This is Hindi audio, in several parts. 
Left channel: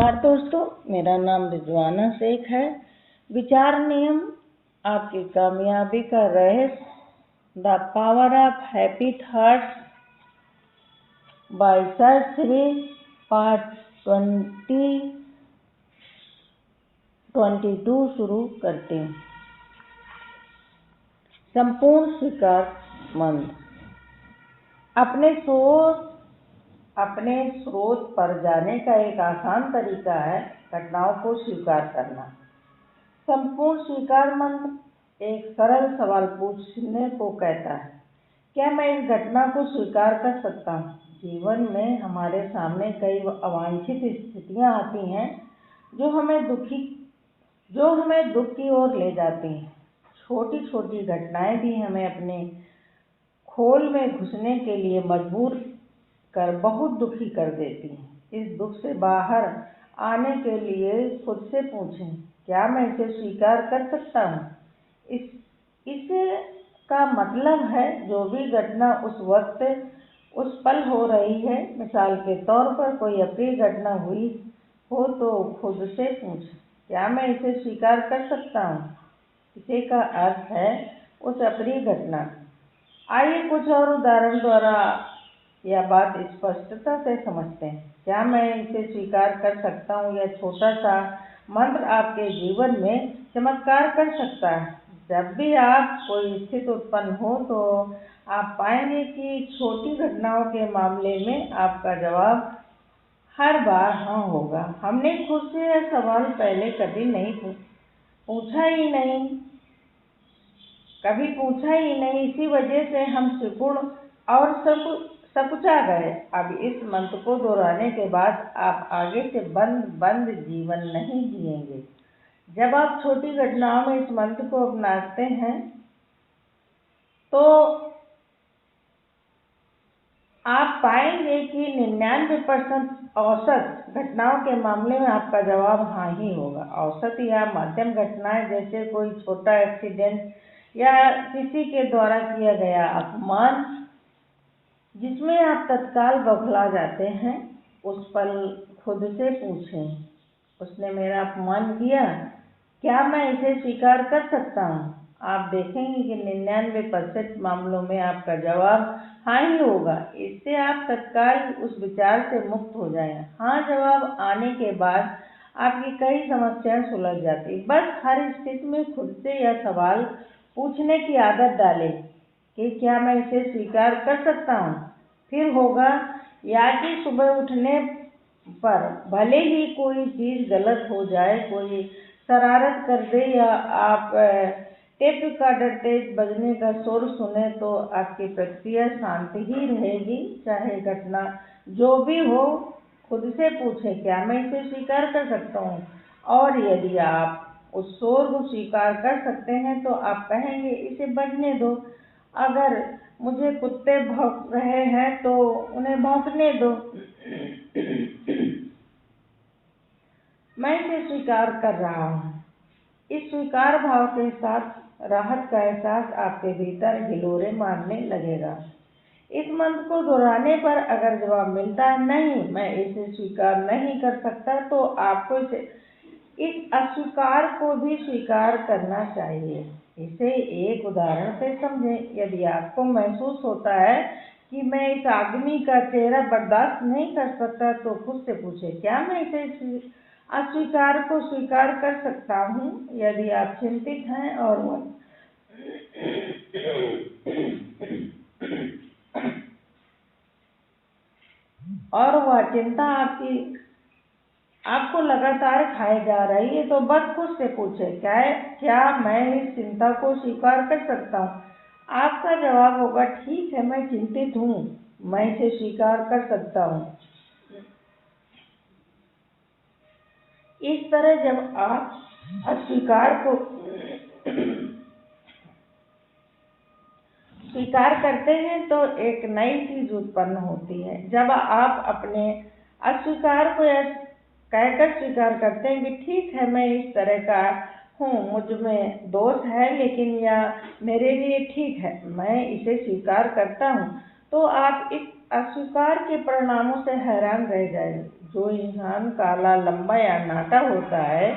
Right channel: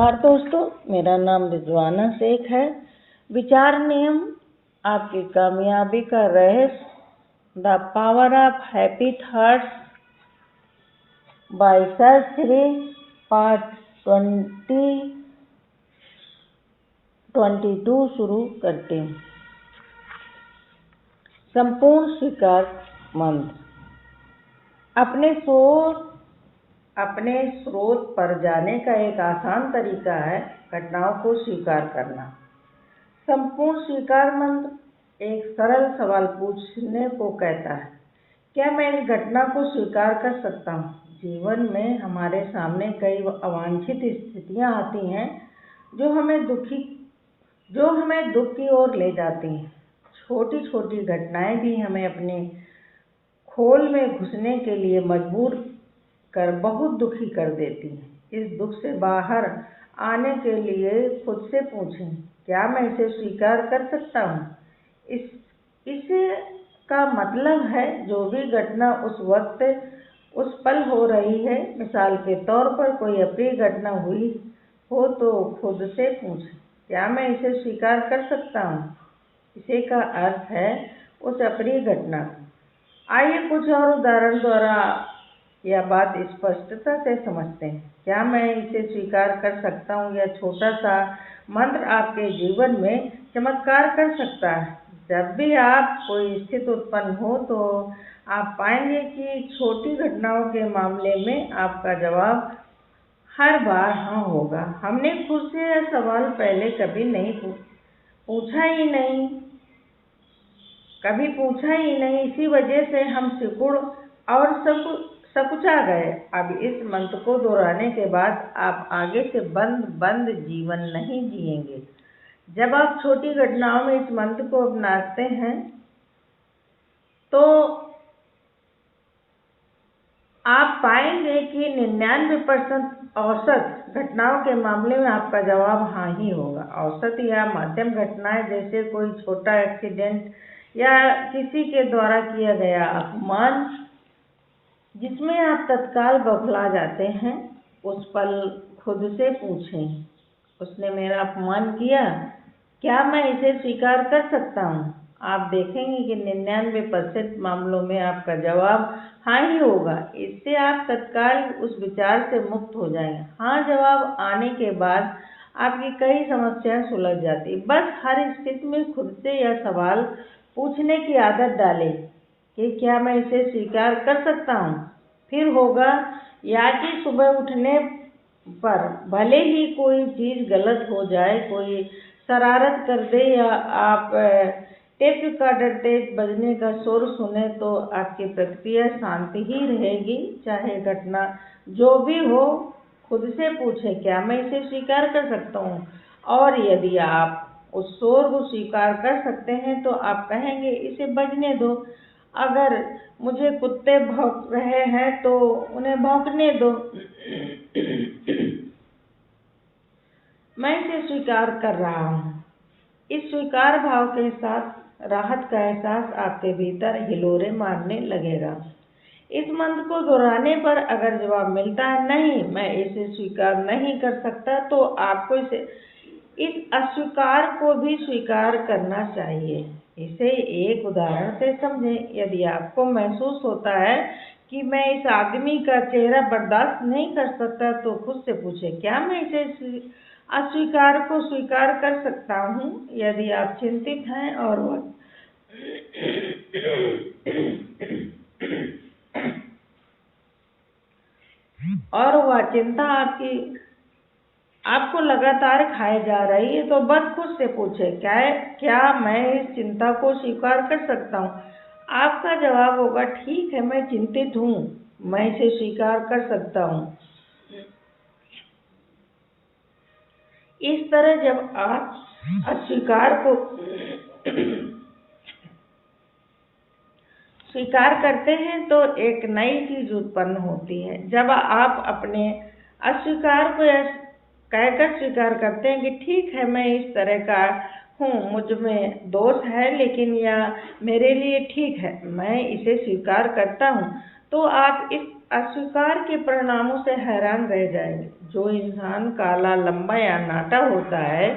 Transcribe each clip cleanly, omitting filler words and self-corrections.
नमस्कार दोस्तों, मेरा नाम रिजवाना शेख है। विचार नियम आपकी कामयाबी का रहस्य, the power of happy thoughts bye sir Shri, part 22 शुरू करते हैं। संपूर्ण स्वीकार मंत्र। अपने स्रोत पर जाने का एक आसान तरीका है घटनाओं को स्वीकार करना। संपूर्ण स्वीकार मंत्र एक सरल सवाल पूछने को कहता है, क्या मैं इस घटना को स्वीकार कर सकता हूँ? जीवन में हमारे सामने कई अवांछित स्थितियाँ आती हैं जो हमें दुख की ओर ले जाती हैं। छोटी छोटी घटनाएं भी हमें अपने खोल में घुसने के लिए मजबूर कर बहुत दुखी कर देती हैं। इस दुख से बाहर आने के लिए खुद से पूछें, क्या मैं इसे स्वीकार कर सकता हूँ? इसे का मतलब है जो भी घटना उस वक्त उस पल हो रही है। मिसाल के तौर पर कोई अप्रिय घटना हुई हो तो खुद से पूछें, क्या मैं इसे स्वीकार कर सकता हूँ? इसे का अर्थ है उस अप्रिय घटना। आइए कुछ और उदाहरण द्वारा यह बात स्पष्टता से समझते हैं। क्या मैं इसे स्वीकार कर सकता हूँ? यह छोटा सा मंत्र आपके जीवन में चमत्कार कर सकता है। जब भी आप कोई स्थिति उत्पन्न हो तो आप पाएंगे कि छोटी घटनाओं के मामले में आपका जवाब हर बार हाँ होगा। हमने खुद से यह सवाल पहले कभी पूछा ही नहीं, इसी वजह से हम सिकुड़ और सकुचा गए। अब इस मंत्र को दोहराने के बाद आप आगे से बंद जीवन नहीं जिएंगे। जब आप छोटी घटनाओं में इस मंत्र को अपनाते हैं तो आप पाएंगे कि 99% औसत घटनाओं के मामले में आपका जवाब हाँ ही होगा। औसत या मध्यम घटनाएं जैसे कोई छोटा एक्सीडेंट या किसी के द्वारा किया गया अपमान जिसमें आप तत्काल बौखला जाते हैं, उस पल खुद से पूछें, उसने मेरा अपमान किया, क्या मैं इसे स्वीकार कर सकता हूँ? आप देखेंगे कि 99% मामलों में आपका जवाब हाँ ही होगा। इससे आप तत्काल उस विचार से मुक्त हो जाएंगे। हाँ जवाब आने के बाद आपकी कई समस्याएं सुलझ जाती। बस हर स्थिति में खुद से यह सवाल पूछने की आदत डालें कि क्या मैं इसे स्वीकार कर सकता हूँ? फिर होगा या कि सुबह उठने पर भले ही कोई चीज़ गलत हो जाए, कोई शरारत कर दे या आप टेप रिकॉर्डर तेज बजने का शोर सुने, तो आपकी प्रतिक्रिया शांति ही रहेगी। चाहे घटना जो भी हो, खुद से पूछें, क्या मैं इसे स्वीकार कर सकता हूँ? और यदि आप उस शोर को स्वीकार कर सकते हैं तो आप कहेंगे, इसे बजने दो। अगर मुझे कुत्ते भौंक रहे हैं तो उन्हें भौंकने दो। मैं इसे स्वीकार कर रहा हूँ। इस स्वीकार भाव के साथ राहत का एहसास आपके भीतर हिलोरे मारने लगेगा। इस मंत्र को दोहराने पर अगर जवाब मिलता है नहीं, मैं इसे स्वीकार नहीं कर सकता, तो आपको इस अस्वीकार को भी स्वीकार करना चाहिए। इसे एक उदाहरण से समझें। यदि आपको महसूस होता है कि मैं इस आदमी का चेहरा बर्दाश्त नहीं कर सकता, तो खुद से पूछें, क्या मैं इसे अस्वीकार को स्वीकार कर सकता हूँ? यदि आप चिंतित हैं और वह चिंता आपको लगातार खाए जा रही है, तो बस खुद से पूछें, क्या मैं इस चिंता को स्वीकार कर सकता हूँ? आपका जवाब होगा, ठीक है, मैं चिंतित हूँ, मैं इसे स्वीकार कर सकता हूँ। इस तरह जब आप अस्वीकार को स्वीकार करते हैं तो एक नई चीज उत्पन्न होती है। जब आप अपने अस्वीकार को कहकर स्वीकार करते हैं कि ठीक है, मैं इस तरह का हूँ, मुझ में दोष है, लेकिन यह मेरे लिए ठीक है, मैं इसे स्वीकार करता हूँ, तो आप इस अस्वीकार के परिणामों से हैरान रह जाएंगे। जो इंसान काला, लंबा या नाटा होता है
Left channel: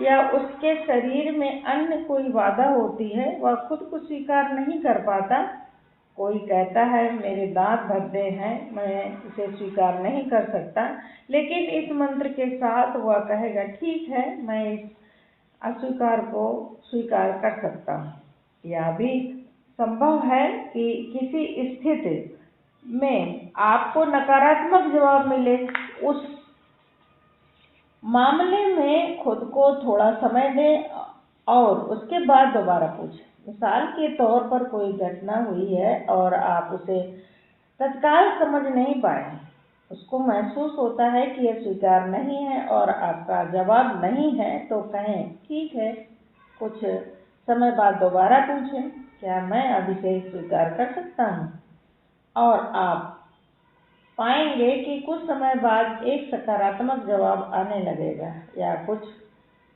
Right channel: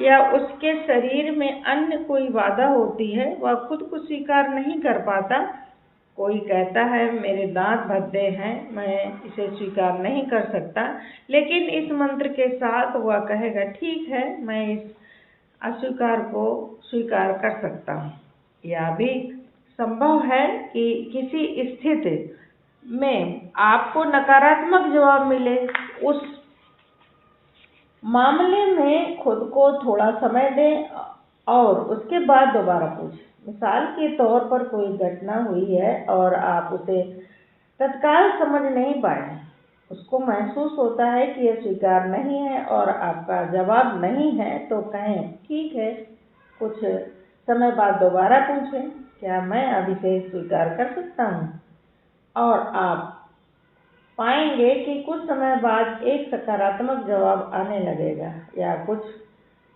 या उसके शरीर में अन्य कोई बाधा होती है, वह खुद को स्वीकार नहीं कर पाता। कोई कहता है मेरे दांत भद्दे हैं, मैं इसे स्वीकार नहीं कर सकता, लेकिन इस मंत्र के साथ वह कहेगा ठीक है, मैं इस अस्वीकार को स्वीकार कर सकता हूँ। यह भी संभव है कि किसी स्थिति में आपको नकारात्मक जवाब मिले। उस मामले में खुद को थोड़ा समय दें और उसके बाद दोबारा पूछें। मिसाल के तौर पर कोई घटना हुई है और आप उसे तत्काल समझ नहीं पाए, उसको महसूस होता है कि यह स्वीकार नहीं है और आपका जवाब नहीं है, तो कहें ठीक है, कुछ समय बाद दोबारा पूछें, क्या मैं अब इसे स्वीकार कर सकता हूँ? और आप पाएंगे कि कुछ समय बाद एक सकारात्मक जवाब आने लगेगा। या कुछ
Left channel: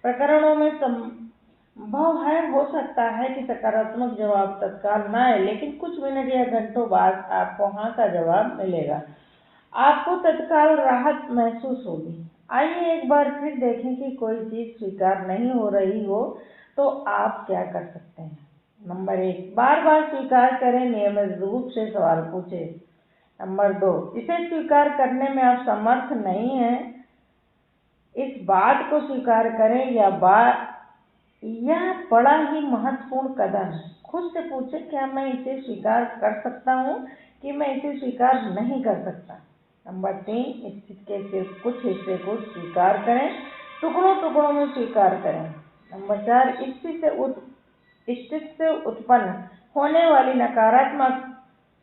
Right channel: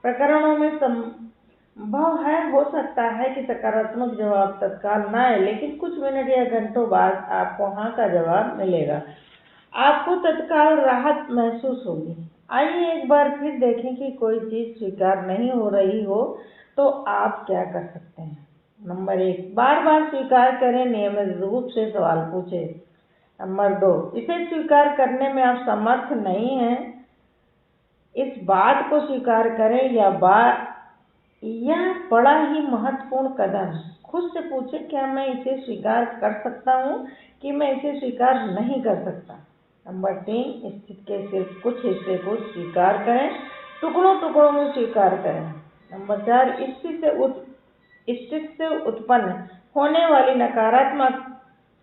प्रकरणों में संभव है, हो सकता है कि सकारात्मक जवाब तत्काल न आए, लेकिन कुछ मिनट या घंटों बाद आपको हाँ का जवाब मिलेगा। आपको तत्काल राहत महसूस होगी। आइए एक बार फिर देखें कि कोई चीज़ स्वीकार नहीं हो रही हो तो आप क्या कर सकते हैं। नंबर 1, बार बार स्वीकार करें, नियमित रूप से सवाल पूछें। नंबर 2, इसे स्वीकार करने में आप समर्थ नहीं हैं, इस बात को स्वीकार करें। यह बड़ा ही महत्वपूर्ण कदम है। खुद से पूछें, क्या मैं इसे स्वीकार कर सकता हूँ कि मैं इसे स्वीकार नहीं कर सकता। नंबर 3, स्थिति के सिर्फ कुछ हिस्से को स्वीकार करें, टुकड़ों टुकड़ों में स्वीकार करें। नंबर 4, स्थिति से उत्पन्न होने वाली नकारात्मक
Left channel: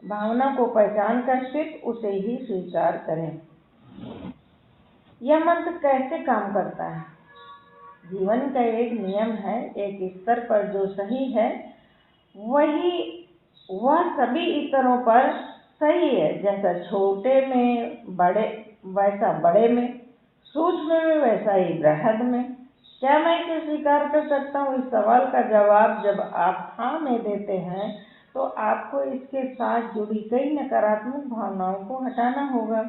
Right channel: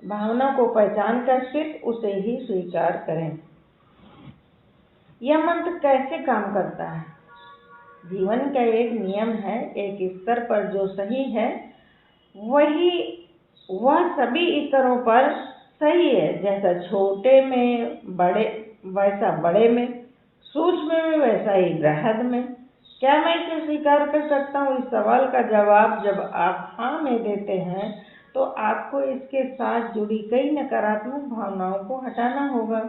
भावना को पहचान कर सिर्फ उसे ही स्वीकार करें। यह मंत्र कैसे काम करता है? जीवन का एक नियम है, एक स्तर पर जो सही है वह सभी स्तरों पर सही है। जैसा छोटे में बड़े वैसा बड़े में, सूक्ष्म में वैसा ही बृहद में। क्या मैं इसे स्वीकार कर सकता हूँ? इस सवाल का जवाब जब आप हाँ में देते हैं तो आपको इसके साथ जुड़ी कई नकारात्मक भावनाओं को हटाना होगा।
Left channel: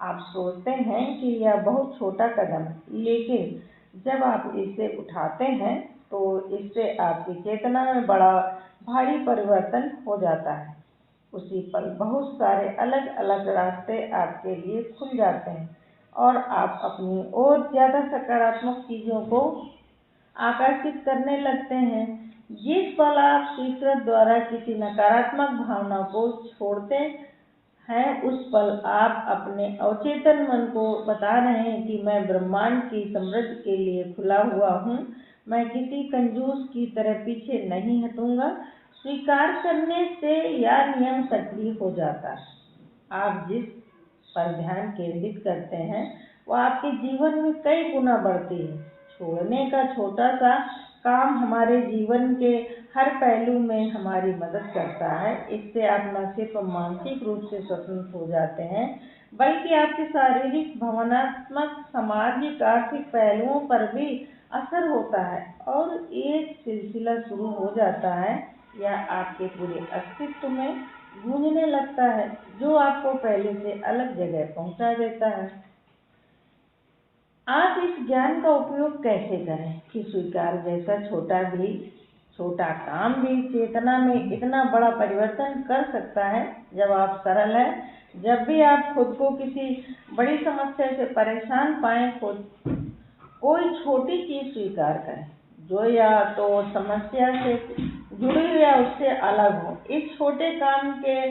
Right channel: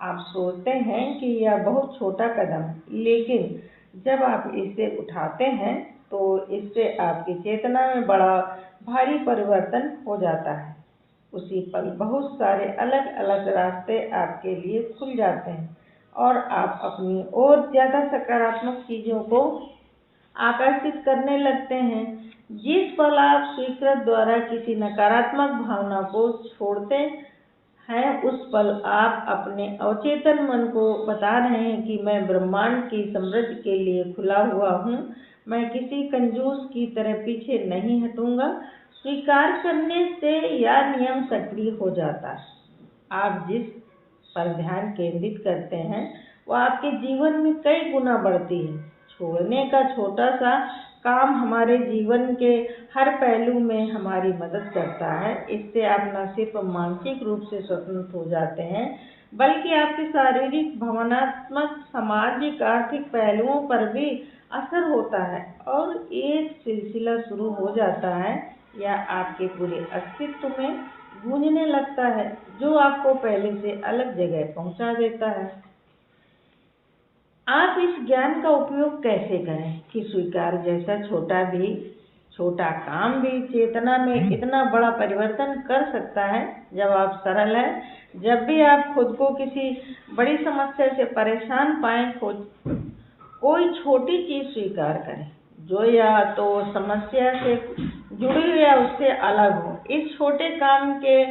आप सोचते हैं कि यह बहुत छोटा कदम है, लेकिन जब आप इसे उठाते हैं तो इससे आपकी चेतना में बड़ा भारी परिवर्तन हो जाता है। उसी पल बहुत सारे अलग अलग रास्ते आपके लिए खुल जाते हैं और आप अपनी और ज़्यादा सकारात्मक चीज़ों को आकर्षित करने लगते हैं। जिस पल आप स्वीकृत द्वारा किसी नकारात्मक भावना को छोड़ते हैं, उस पल आप अपने अवचेतन मन को बता रहे हैं कि मैं ब्रह्मांड की समृद्धि के लिए खुला हुआ हूँ, मैं किसी कंजूस की तरह पीछे नहीं हटूंगा। स्वीकार करने से यह नियम सक्रिय हो जाता है। आप जिस पर ध्यान केंद्रित करते हैं वो आपके जीवन में कई गुना बढ़ती है। छोड़ने का छोटा सा काम हमारे जीवन के हर पहलू में हमारी मदद करता है। इससे आप न सिर्फ मानसिक रूप से स्वतंत्र हो जाते हैं, बल्कि आपके शारीरिक, भावनात्मक, सामाजिक, आर्थिक पहलुओं पर भी असर होता है और एक सिलसिला शुरू हो जाता है या आपके पूरे अस्तित्व में गूंजने लगता है, जो आपको पहले से अलग जगह पहुंचा देता है। आप इस ज्ञान का उपयोग कैसे करें कि स्वीकार जैसा छोटा काम भी चेतना में इतना बड़ा परिवर्तन कर सकता है। जवाब सरल है। जब भी आप खुद को किसी बड़ी समस्या से परेशान पाएं, कोई छोटी चीज स्वीकार करें जो या तो समस्या से जुड़ी हो या उससे अलग हो। इस छोटे काम के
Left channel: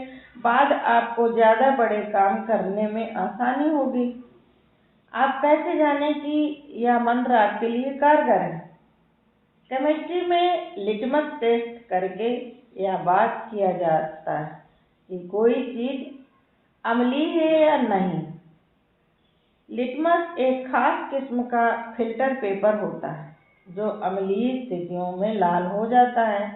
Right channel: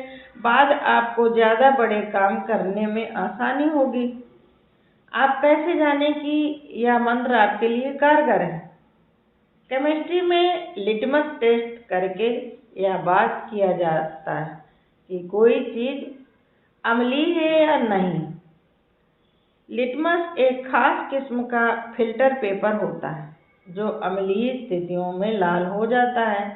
बाद आपको ज्यादा बड़े काम करने में आसानी होगी। आप कैसे जानें कि यह मंत्र आपके लिए कारगर है? केमिस्ट्री में लिटमस टेस्ट करके यह बात किया जाता है कि कोई चीज अम्लीय है या नहीं। लिटमस एक खास किस्म का फिल्टर पेपर होता है जो अम्लीय स्थितियों में लाल हो जाता है।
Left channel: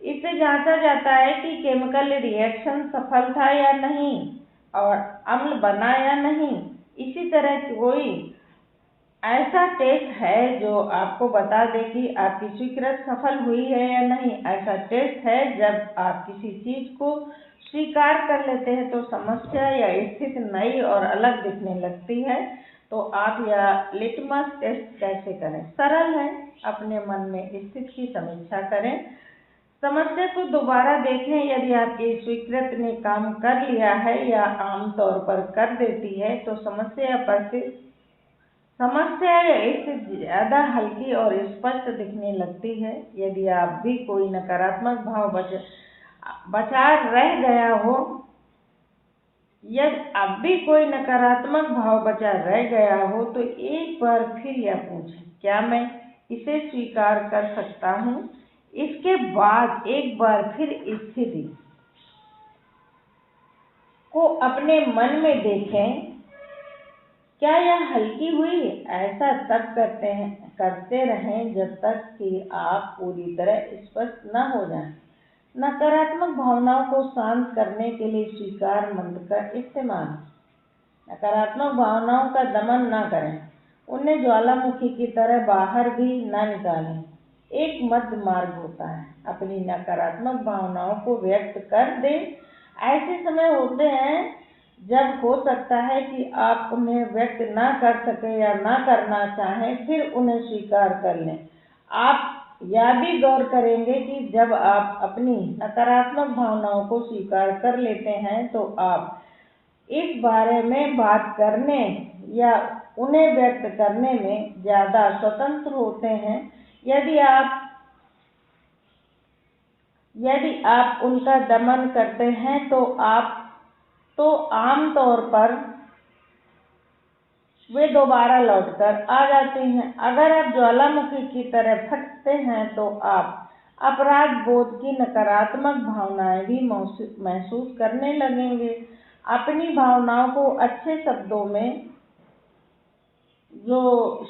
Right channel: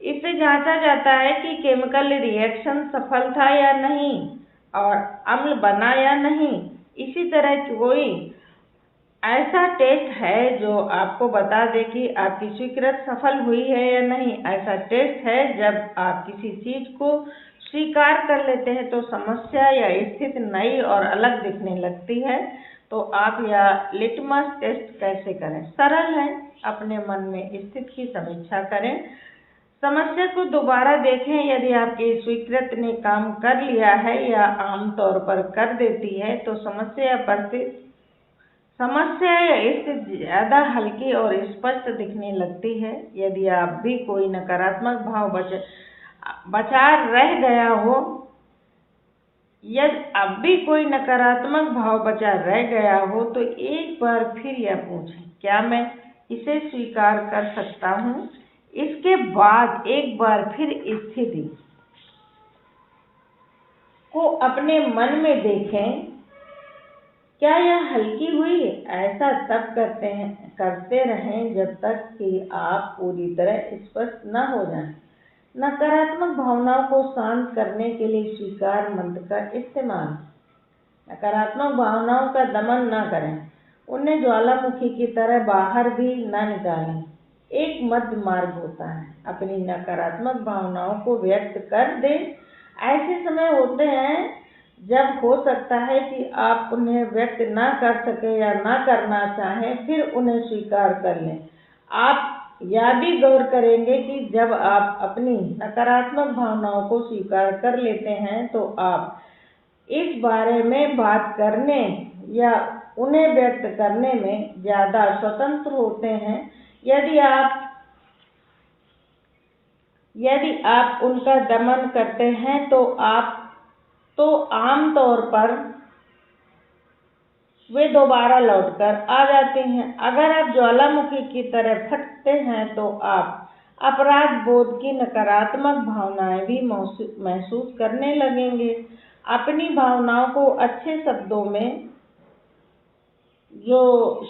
इससे जांचा जाता है कि केमिकल रिएक्शन सफल था या नहीं और अम्ल बना या नहीं। इसी तरह कोई ऐसा टेस्ट है जो आपको बता दे कि आपकी स्वीकृति सफल हुई है या नहीं। ऐसा टेस्ट है जब आप किसी चीज को स्वीकार कर लेते हैं तो समस्या या स्थिति नई और अलग दिखने लगती है। तो आप यह लिटमस टेस्ट कैसे करें? सरल है, अपने मन में स्थिति की समीक्षा करें, समस्या को दोबारा देखें। यदि आपकी स्वीकृति ने काम कर लिया है या आमतौर पर कर देती है तो समस्या या स्थिति ज़्यादा हल्की और स्पष्ट दिखने लगती है। यदि आप भी कोई नकारात्मक भाव बचा रह गया हो, यदि अब भी कोई नकारात्मक भाव बचा रह गया हो तो एक बार फिर यह पूछें, क्या मैं इसे स्वीकार कर सकता हूँ? इसके बाद एक बार फिर स्थिति को अपने मन में देखें, क्या यह हल्की हुई? ऐसा तब करते रहें जब तक कि आप पूरी तरह स्पष्ट न हो जाएं। नकारात्मक भावनाओं को शांत करने के लिए स्वीकार मंत्र का इस्तेमाल। नकारात्मक भावनाओं का दमन न करें, उन्हें ज्वालामुखी की तरह बाहर भी न निकालें। एक मध्य मार्ग होता है, अपनी नकारात्मक भावनाओं को व्यक्त कर दें। ऐसे समय होते हैं जब हो सकता है कि आप उन्हें व्यक्त ना कर सके या ना करना चाहें, फिर उन्हें स्वीकार कर लें। आप यह भी गौर करेंगे कि जब आप अपनी नकारात्मक भावनाओं को स्वीकार कर लेते हैं तो आप इस बारे में बात करने या उन्हें व्यक्त करने में ज़्यादा स्वतंत्र होते हैं। यदि आप उनका दमन करते हैं तो आमतौर पर वे दोबारा लौटकर आ जाते हैं। अगर आप ज्वालामुखी की तरह फटते हैं तो आप अपराध बोध की नकारात्मक भावनाएं भी महसूस करने लगेंगे। अपनी भावनाओं को अच्छे शब्दों में, जो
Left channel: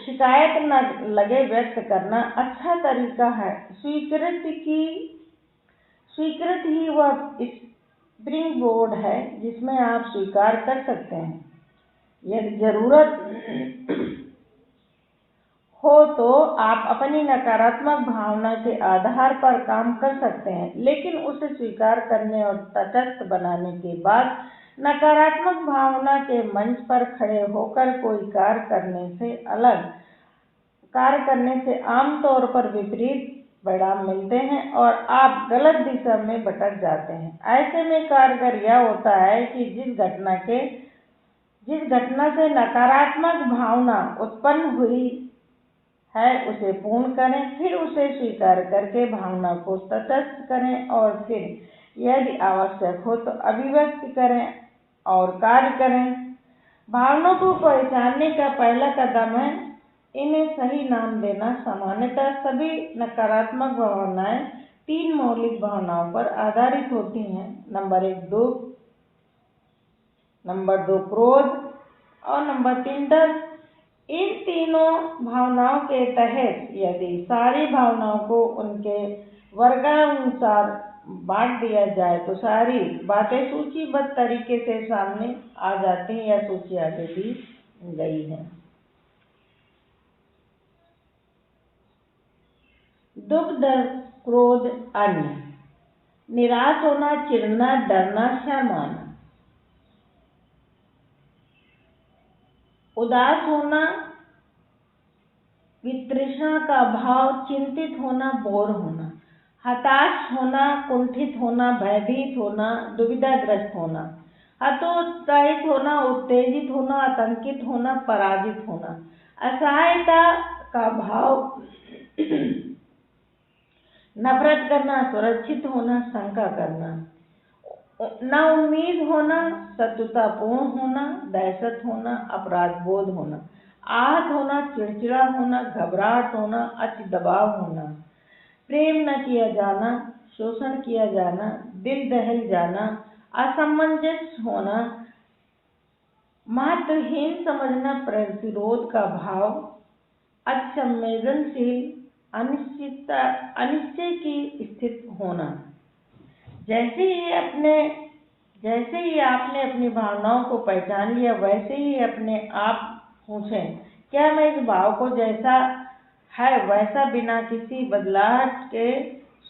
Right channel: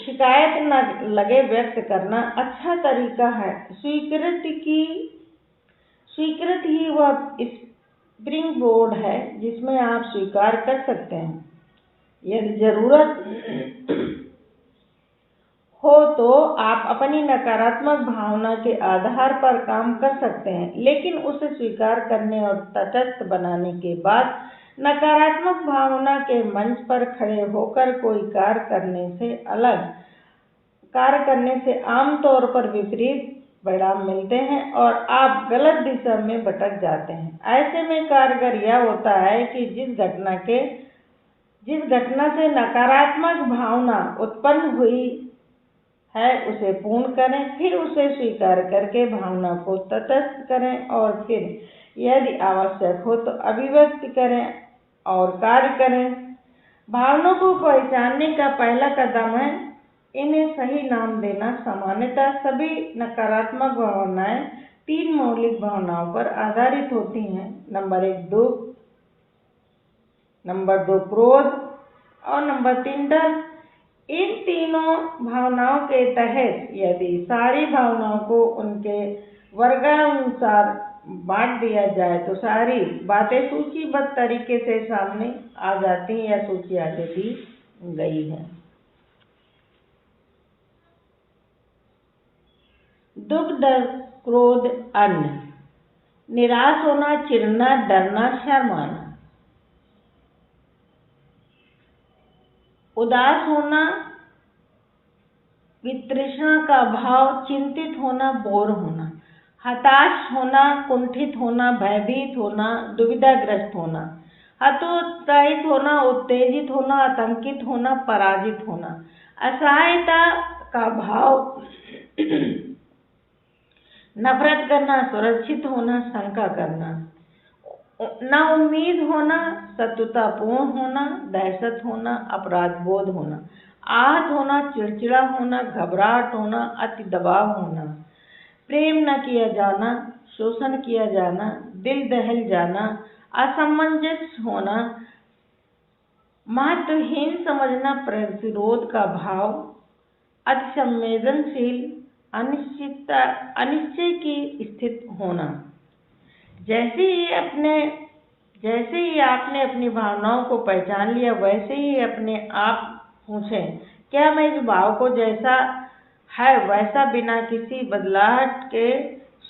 शिकायत न लगे, व्यक्त करना अच्छा तरीका है। स्वीकृति ही वह स्प्रिंग बोर्ड है जिसमें आप स्वीकार कर सकते हैं। यदि जरूरत हो तो आप अपनी नकारात्मक भावना के आधार पर काम कर सकते हैं, लेकिन उसे स्वीकार करने और तटस्थ बनाने के बाद नकारात्मक भावना के मंच पर खड़े होकर कोई कार्य करने से आमतौर पर विपरीत परिणाम मिलते हैं और आप गलत दिशा में भटक जाते हैं। ऐसे में कारगर यह होता है कि जिस घटना से नकारात्मक भावना उत्पन्न हुई है उसे पूर्ण करें, फिर उसे स्वीकार करके भावना को तटस्थ करें और फिर यदि आवश्यक हो तो अभिव्यक्त करें और कार्य करें। भावनाओं को पहचानने का पहला कदम है इन्हें सही नाम देना। सामान्यतः सभी नकारात्मक भावनाएं 3 मौलिक भावनाओं पर आधारित होती हैं। नंबर 1 दुख, नंबर 2 क्रोध और नंबर 3 डर। इन तीनों भावनाओं के तहत यदि सारी भावनाओं को उनके वर्गानुसार बांट दिया जाए तो सारी बातें सूचीबद्ध तरीके से सामने आ जाती हैं या सूची आगे दी गई है। दुख, डर, क्रोध, अन्न, निराश होना, चिढ़ना, डरना, शर्माना, उदास होना, वितृष्णा का भाव, चिंतित होना, बोर होना, हताश होना, कुंठित होना, भयभीत होना, दुविधाग्रस्त होना, हतोत्साहित होना, उत्तेजित होना, आतंकित होना, पराजित होना, असहायता का भाव, नफरत करना, सुरक्षित होना, शंका करना, नाउम्मीद होना, शत्रुतापूर्ण होना, दहशत होना, अपराध बोध होना, आहत होना, चिड़चिड़ा होना, घबराहट होना, अति दबाव होना, प्रेम न किया जाना, शोषण किया जाना, दिल दहल जाना, असमंजस होना, महत्वहीन समझना, प्रतिरोध का भाव, अति संवेदनशील, अनिश्चय की स्थिति होना। जैसे ही आपने अपनी भावनाओं को पहचान लिया वैसे ही अपने आप पूछें, क्या मैं इस भाव को जैसा है वैसा बिना किसी बदलाव के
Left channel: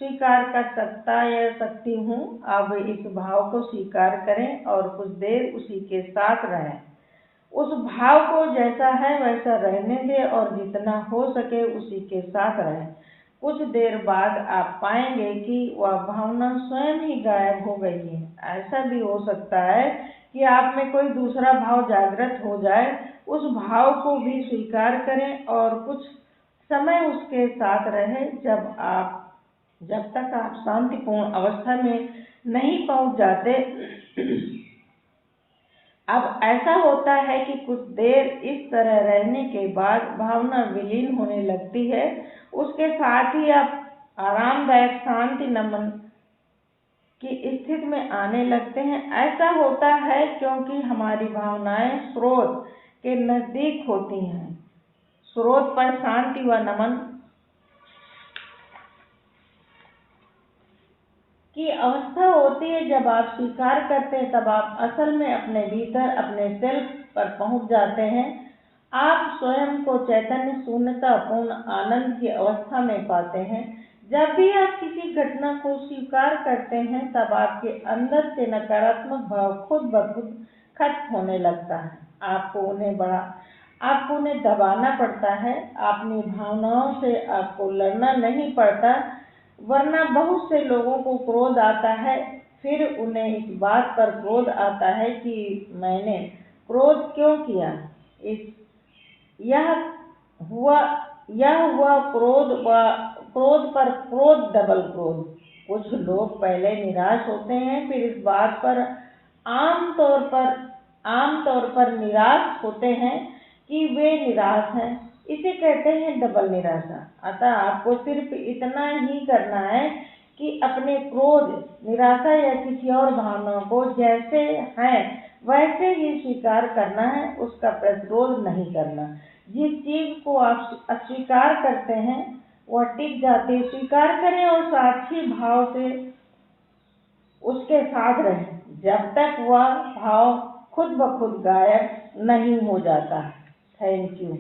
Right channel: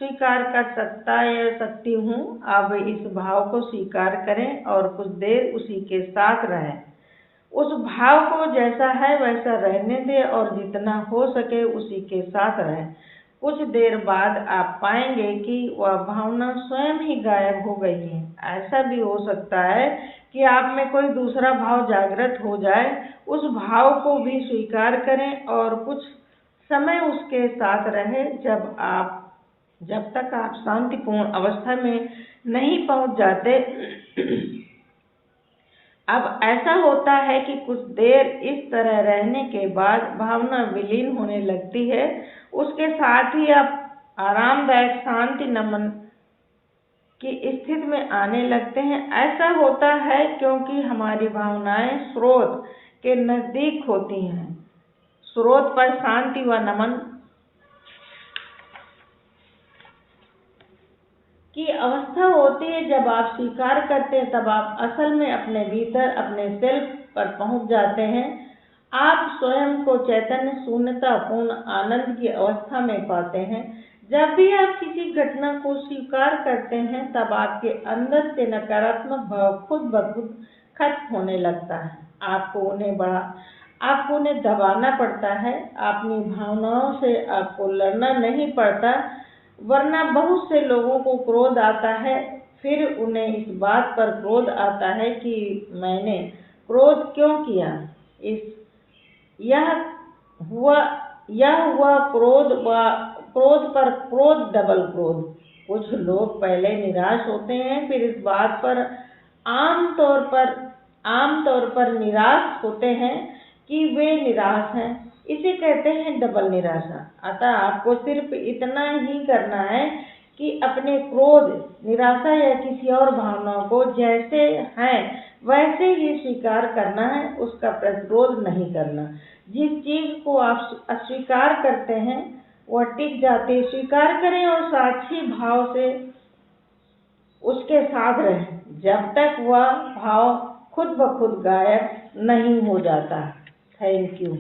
स्वीकार कर सकता या सकती हूँ। अब इस भाव को स्वीकार करें और कुछ देर उसी के साथ रहें। उस भाव को जैसा है वैसा रहने दें और जितना हो सके उसी के साथ रहें। कुछ देर बाद आप पाएंगे कि वह भावना स्वयं ही गायब हो गई है। ऐसा भी हो सकता है कि आप में कोई दूसरा भाव जागृत हो जाए। उस भाव को भी स्वीकार करें और कुछ समय उसके साथ रहें जब तक आप शांतिपूर्ण अवस्था में नहीं पहुंच जाते। अब ऐसा होता है कि कुछ देर इस तरह रहने के बाद भावना विलीन होने लगती है। उसके साथ ही आप आरामदायक शांति नमन की स्थिति में आने लगते हैं। ऐसा होता है क्योंकि हमारी भावनाएं स्रोत के नजदीक होती हैं। स्रोत पर शांति व नमन की अवस्था होती है। जब आप स्वीकार करते हैं तब आप असल में अपने भीतर अपने सेल्फ पर पहुंच जाते हैं। आप स्वयं को चैतन्य शून्यता पूर्ण आनंद की अवस्था में पाते हैं। जब भी आप किसी घटना को स्वीकार करते हैं तब आपके अंदर से नकारात्मक भाव खुद ब खुद खत्म होने लगता है। आपको उन्हें दबाना पड़ता है। अपनी भावनाओं से आपको लड़ना नहीं पड़ता, वरना बहुत से लोगों को क्रोध आता है। फिर उन्हें इस बात पर क्रोध आता है कि मैंने क्रोध क्यों किया। यह हुआ क्रोध पर क्रोध, डबल क्रोध। कुछ लोग पहले निराश होते हैं, फिर इस बात पर आमतौर पर निराश होते हैं कि वे निराश हैं। इसे कहते हैं डबल निराशा। अतः आपको सिर्फ इतना ही करना है कि अपने क्रोध, निराशा या किसी और भावना को जैसे हैं वैसे ही स्वीकार करना है, उसका प्रतिरोध नहीं करना। जिस चीज को आप अस्वीकार करते हैं वह टिक जाती है। स्वीकार करें और साक्षी भाव से उसके साथ रहें जब तक वह भाव खुद ब खुद गायब नहीं हो जाता। Thank you.